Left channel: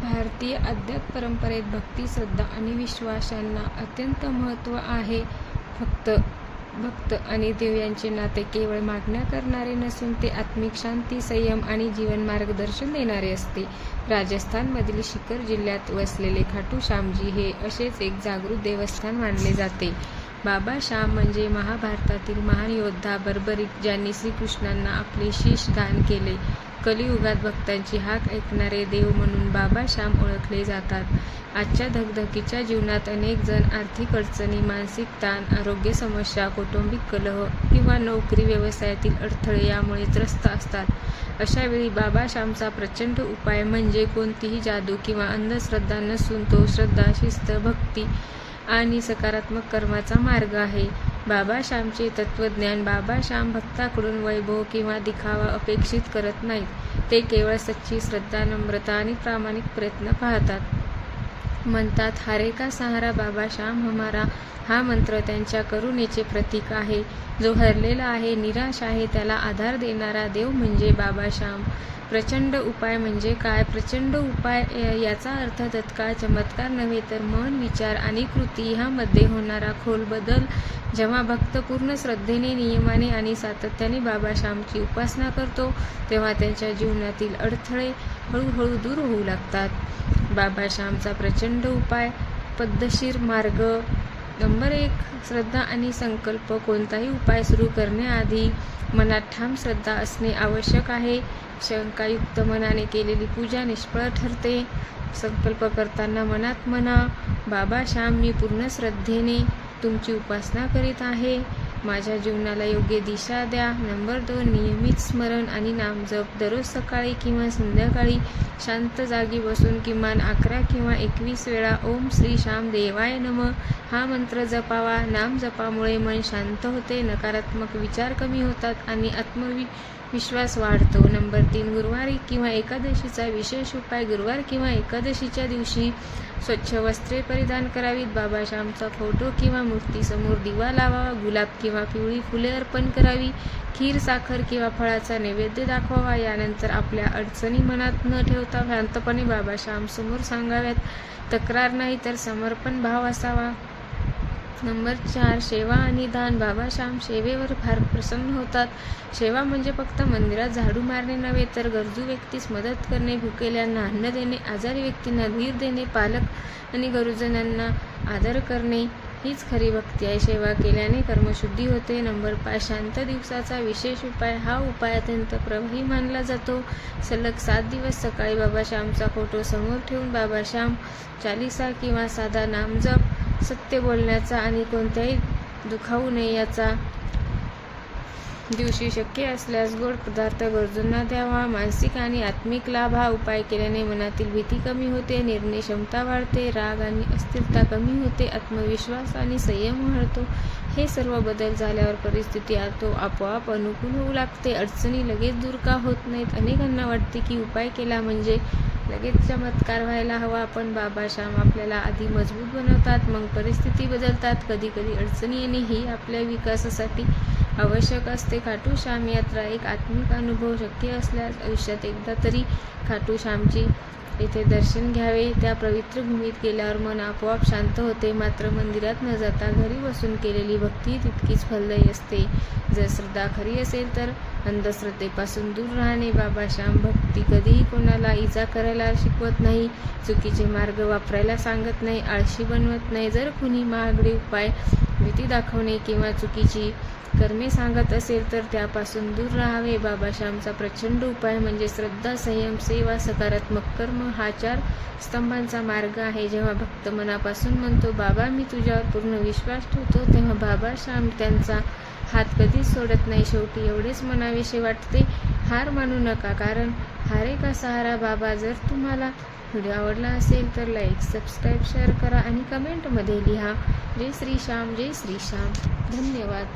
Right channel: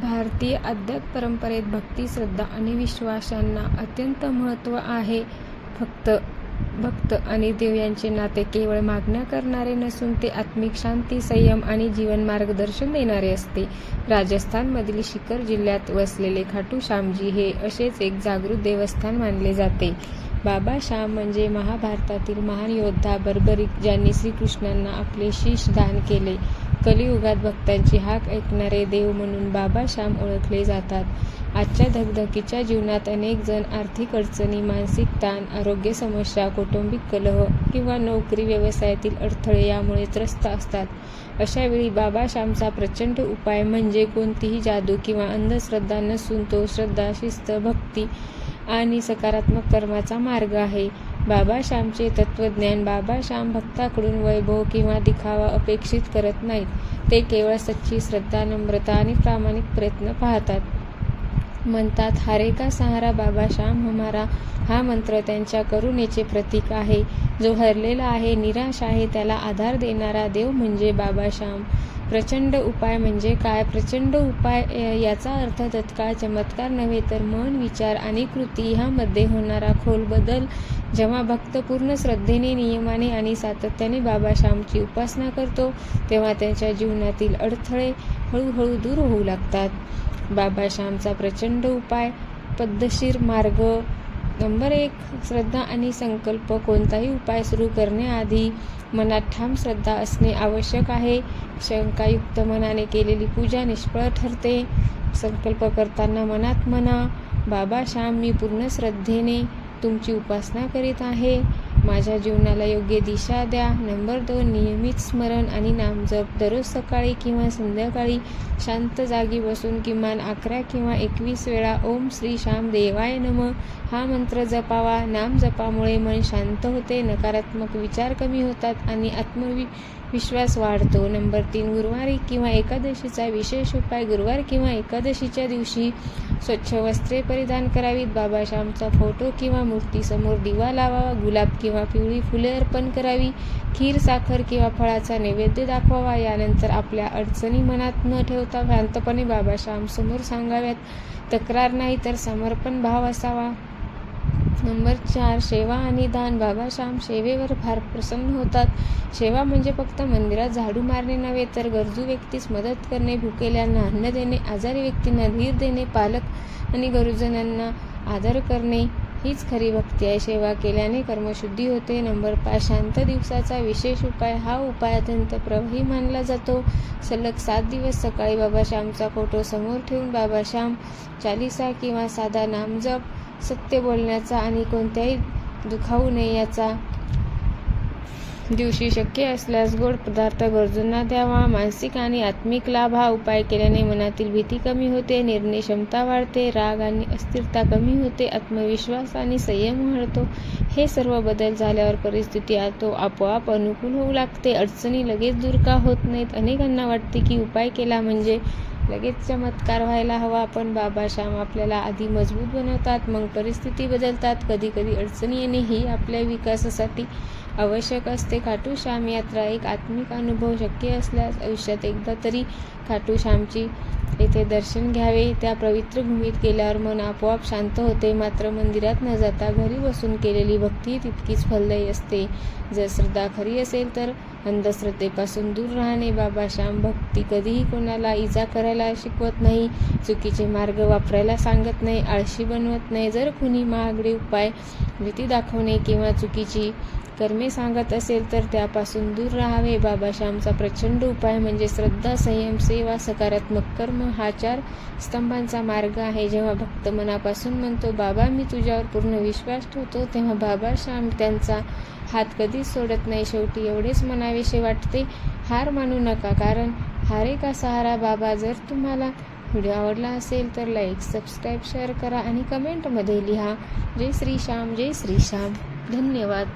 भारतीय अध्यात्म परंपरेत भक्ती श्रद्धा आणि विश्वास यांना अत्यंत महत्त्व आहे. फक्त भक्त आणि देव यांचे नाते केवळ मागण्या करणारे नसून ते आत्मिक शांती संयम आणि जीवन मार्गदर्शन देणारे असते. राजस्थानमधील शिखर जिल्ह्यात वसलेले खाटू श्यामजी हे असेच एक जागृत देवस्थान मानले जाते. बाबा श्याम म्हणजे महाभारतातील महान योद्धा बर्बरीक ज्यांनी श्रीकृष्णांना आपले शीश दान केले. कलियुगात भक्तांची हाक ऐकणारे देव म्हणून बाबा श्याम ओळखले जातात. आजच्या धगधकीच्या जीवनात अनेक जण आर्थिक अडचणी मानसिक ताण आरोग्य समस्या कौटुंबिक कलह किंवा नोकरी व्यवसायातील अडथळे यामुळे त्रस्त असतात. अशा वेळी बाबा श्यामचा प्रचंड उपाय म्हणजे कोणतीही जादू किंवा अंधश्रद्धा नसून तो श्रद्धा शिस्त भक्ती आणि सकारात्मक कर्माचा मार्ग आहे. बाबा श्यामचे तत्वज्ञान बाबा श्याम भक्ताकडून वैभव किंवा दिखावा अपेक्षित करत नाहीत. ते केवळ सच्ची श्रद्धा नम्रता आणि प्रामाणिक प्रयत्न पाहतात. म्हणतात हारे का सहारा बाबा श्याम हमारा? हा मंत्र त्यांच्या करुणेचे प्रतीक आहे. जो हरलेला आहे निराश आहे त्याला आधार देणारा देव म्हणजे बाबा श्याम. प्रचंड उपाय म्हणजे काय? प्रचंड उपाय याचा अर्थ तत्काळ चमत्कार नव्हे तर मन विचार आणि कृती ह्यामध्ये होणारा खोल बदल जेव्हा भक्त पूर्ण श्रद्धेने नियमाने आणि सातत्याने बाबा श्यामची उपासना करतो तेव्हा त्यांच्या जीवनातील अडथळे हळूहळू दूर होऊ लागतात. बाबा श्यामचा प्रचंड उपाय पद्धतशीर मार्ग नंबर एक श्रद्धा आणि संकल्प कोणताही उपाय सुरू करण्याआधी मनात ठाम श्रद्धा असणे आवश्यक आहे. शंकायुक्त मनाने केलेली पूजा निष्फळ ठरते. संकल्प करताना मनात म्हणा बाबा श्याम मी पूर्ण श्रद्धेने तुमची उपासना करीत आहे. माझ्या जीवनाला योग्य दिशा द्या. नंबर दोन नियमित स्मरण आणि नामजप दररोज सकाळी किंवा संध्याकाळी शांत जागी बसून किमान अकरा किंवा एकवीस वेळा ओम श्री श्याम देवाय नम. हा मंत्र जपावा. नाम जपामुळे मन शांत होते. नकारात्मक विचार कमी होतात आणि आत्मवि विश्वास वाढतो. नंबर तीन गुरुवारी किंवा एकादशीचा विशेष उपाय गुरुवार किंवा एकादशीच्या दिवशी स्वच्छ वस्त्रे परिधान करावीत. बाबा श्यामचा फोटो किंवा मूर्तीसमोर दिवा लावावा गुलाब किंवा पिवळी फुले अर्पण करावी खीर साखर किंवा फळाचा नैवेद्य दाखवावा. यानंतर आपल्या अडचणी मनात न ठेवता शांतपणे बाबा श्यामसमोर सांगाव्यात. तक्रार नाही तर समर्पण भाव असावा. नंबर चार सेवा आणि दान. बाबा श्याम सेवेवर फार प्रसन्न होतात. सेवा म्हणजे फक्त मंदिरात झाडू मारणे नव्हे तर गरजू व्यक्तीस मदत करणे भुकेल्यांना अन्न देणे आजारी व्यक्तींना धीर देणे पालक आणि गरुजनांना आदर करणे. हीच खरी भक्ती आहे. सेवा केल्याने कर्मशुद्धी होते. नंबर पाच शांत दिवसाचा विशेष उपाय. हा उपाय अत्यंत प्रभावी मानला जातो. सलग सात दिवस सकाळी बाबाश्यामचा फोटो समोर ठेवून बाबाश्याम चालिसा किंवा साधा नामजप सत्य बोलण्याचा आणि कोणत्याही दुखावू नये याचा दिवशी शक्य असल्यास गोड पदार्थ गरजूंना द्यावा. मानसिक आणि आत्मिक लाभ हा उपाय केल्याने मनातील भीती कमी होते निर्णय क्षमता वाढते राग आणि अस्थिरता कमी होते आत्मविश्वास आणि संयम वाढतो. हे सर्व बदल झाल्यावर परिस्थिती आतो आपोआप अनुकूल होऊ लागते. अडचणी लगेच दूर का होत नाहीत? अनेकांना वाटते की उपाय केला म्हणजे लगेच चमत्कार व्हायला हवा. पण बाबा श्याम आपल्याला आधी मजबूत बनवतात मग परिस्थिती बदलतात. कधी कधी अडचणी येणे ही आपल्या विकासासाठी आवश्यक असते. खाटू श्याम यात्रा एक आत्मिक अनुभव शक्य असल्यास आयुष्यात एकदा तरी खाटू श्यामची येथे दर्शन घ्यावे. त्या पवित्र भूमीत गेल्यावर मन आपोआप शांत होते. मात्र मंदिरात न जाता घरी बसून केलेली भक्ती तितकीच फलदायी असते. जर श्रद्धा खरी असेल तर अंधश्रद्धेपासून दूर राहणे. बाबा श्याम भक्ती कधीही कोणाला इजा करायला शिकवत नाही. चुकीचे मार्ग वापरायला सांगत नाही. आळशी बनवत नाही. जर कुणी महागडे उपाय भीती दाखवणे किंवा चुकीची कर्मे सांगत असेल तर त्यापासून दूर राहावे. बाबाश्यामचा प्रचंड उपाय म्हणजे श्रद्धा संयम सेवा सकारात्मक कर्म हा चार स्तंभांचा मार्ग आहे. जेव्हा भक्त मनापासून म्हणतो बाबा मी तुझ्यावर पूर्ण विश्वास ठेवतो तेव्हा बाबाश्याम त्यांचा हात कधीच सोडत नाही. शेवटी एवढेच मनाविषयी वाटते हार मानू नका कारण हारे का सहारा? बाबा जर तुम्हाला व्हिडिओ आवडला असेल तर लाईक सबस्क्राईब शेअर करा आणि कमेंटमध्ये लिहा. जय श्री श्याम जय श्री श्याम. धन्यवाद.